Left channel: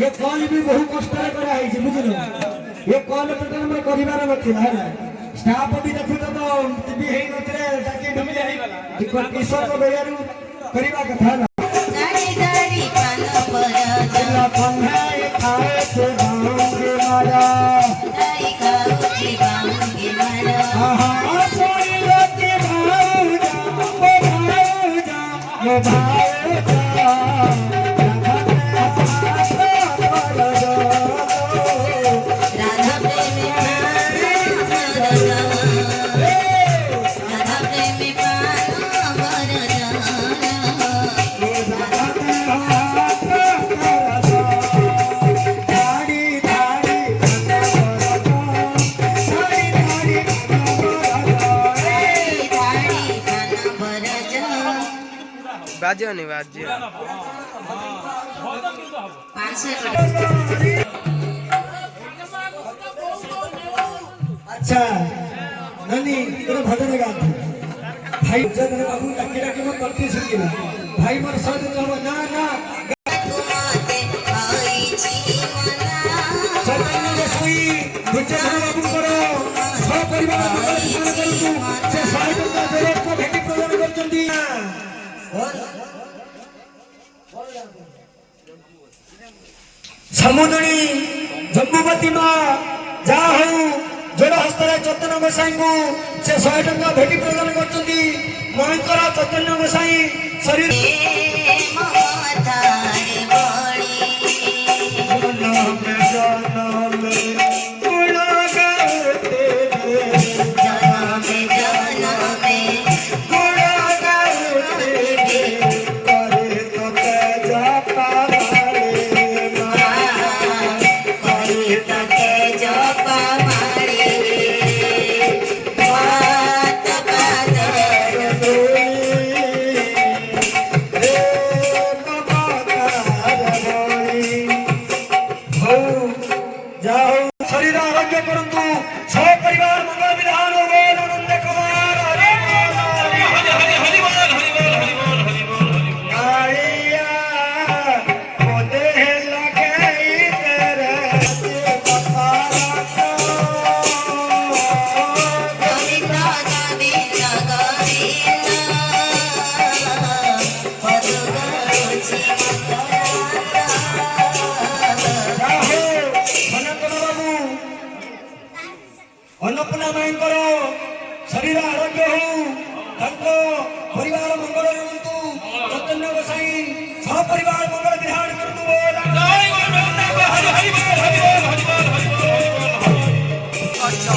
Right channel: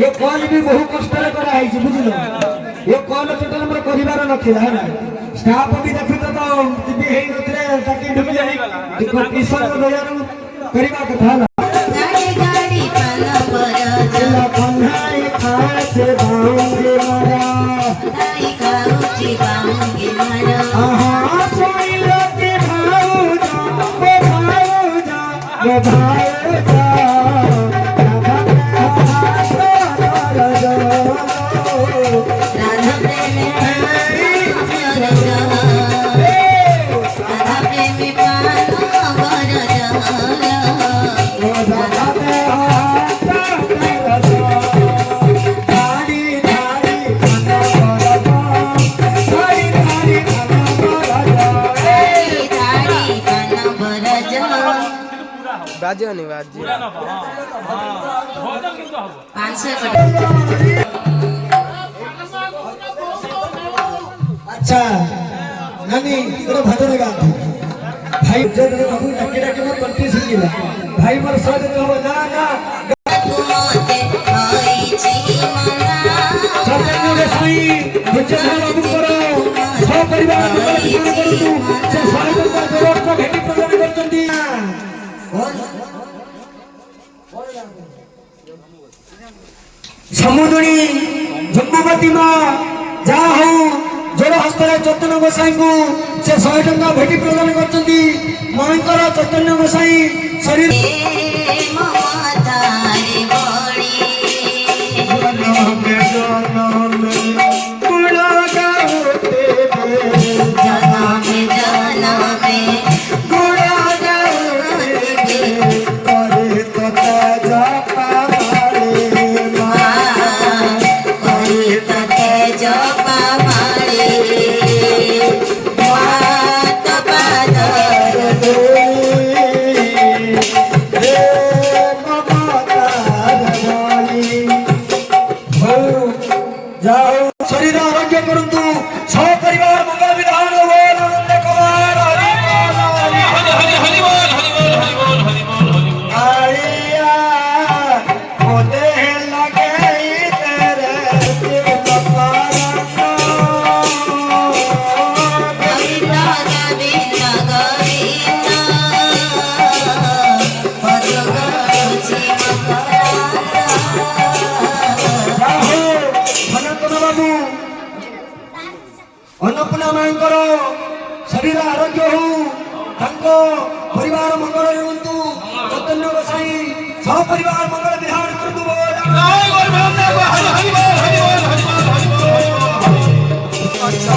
ये कॉल भी बहु कष्ट करा है बुझल ये कॉल टोटल हमर परिवार नथिला है स्टाफ भी देखि तो टीवी हे नथरे ताकि किसान बजार करिबा कथा ना गाड़ी गाड़ी पान पर जिला पंधाई खाए से भांगे मारा गाड़ी खाउची भांगे मारा आहा सोई लोके भाऊजा बाजे नहीं बाजे अच्छा नानी गोटे भजन गाते भाई जब बाबू डाके डाके मैं कंट्री सुनिला भाई मोर साथ कहबो ना ना सरकार ने सही विजय बाबू करो सब परिवार मंगल करू से साहित्य का जरूरत को भेटी प्रदान करचंदी समुद्री जम्बुवती माँ जा हो जोर हस्त चैतन्य गोसाई को से 100 टंका भेटी प्रदान करचंदी मांकर चैतन्य गोसाई शरीर शरीर आरोग्य परंतु सौ परिवार मंगल विधान हो आनंद कुमार हरि हरि बोल हरि बोल हरि बोल हरि बोल हरि बोल आलिया मोदे लगे तेरे शिव कपारा को गोविंदा गोविंदा अन्नपूर्णा मांकर शरीर आरोग्य हो परिवार मंगल रुंतु चैतन्य गोसाई सब परिवार मंगल विधान करतु बोल जय गोविंदा हरि हरि बोल हरि बोल हरि बोल हरि बोल अच्छा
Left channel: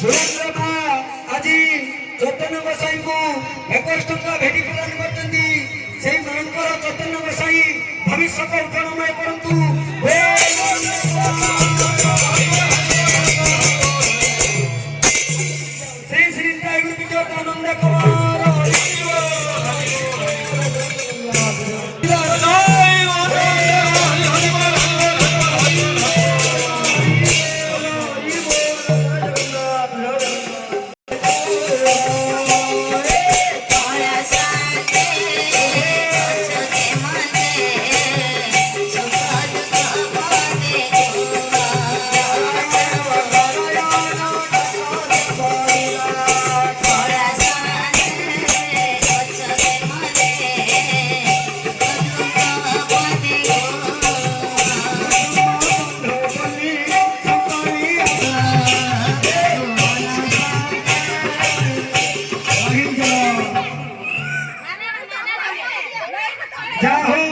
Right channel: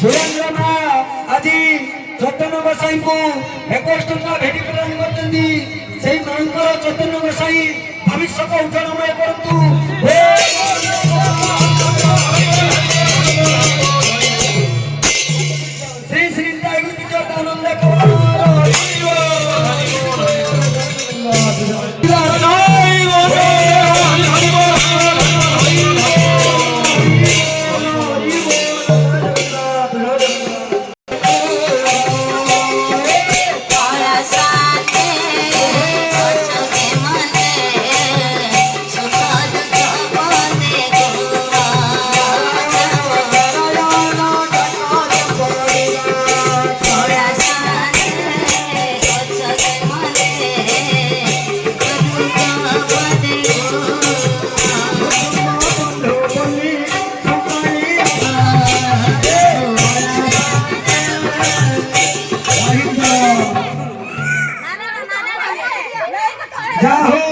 सुरेंद्र मा आजी चैतन्य गोसाई को 21 टंका भेटी प्रदान करचंदी सेई मांकर चैतन्य गोसाई भविष्य को उज्जवल करतु जा हो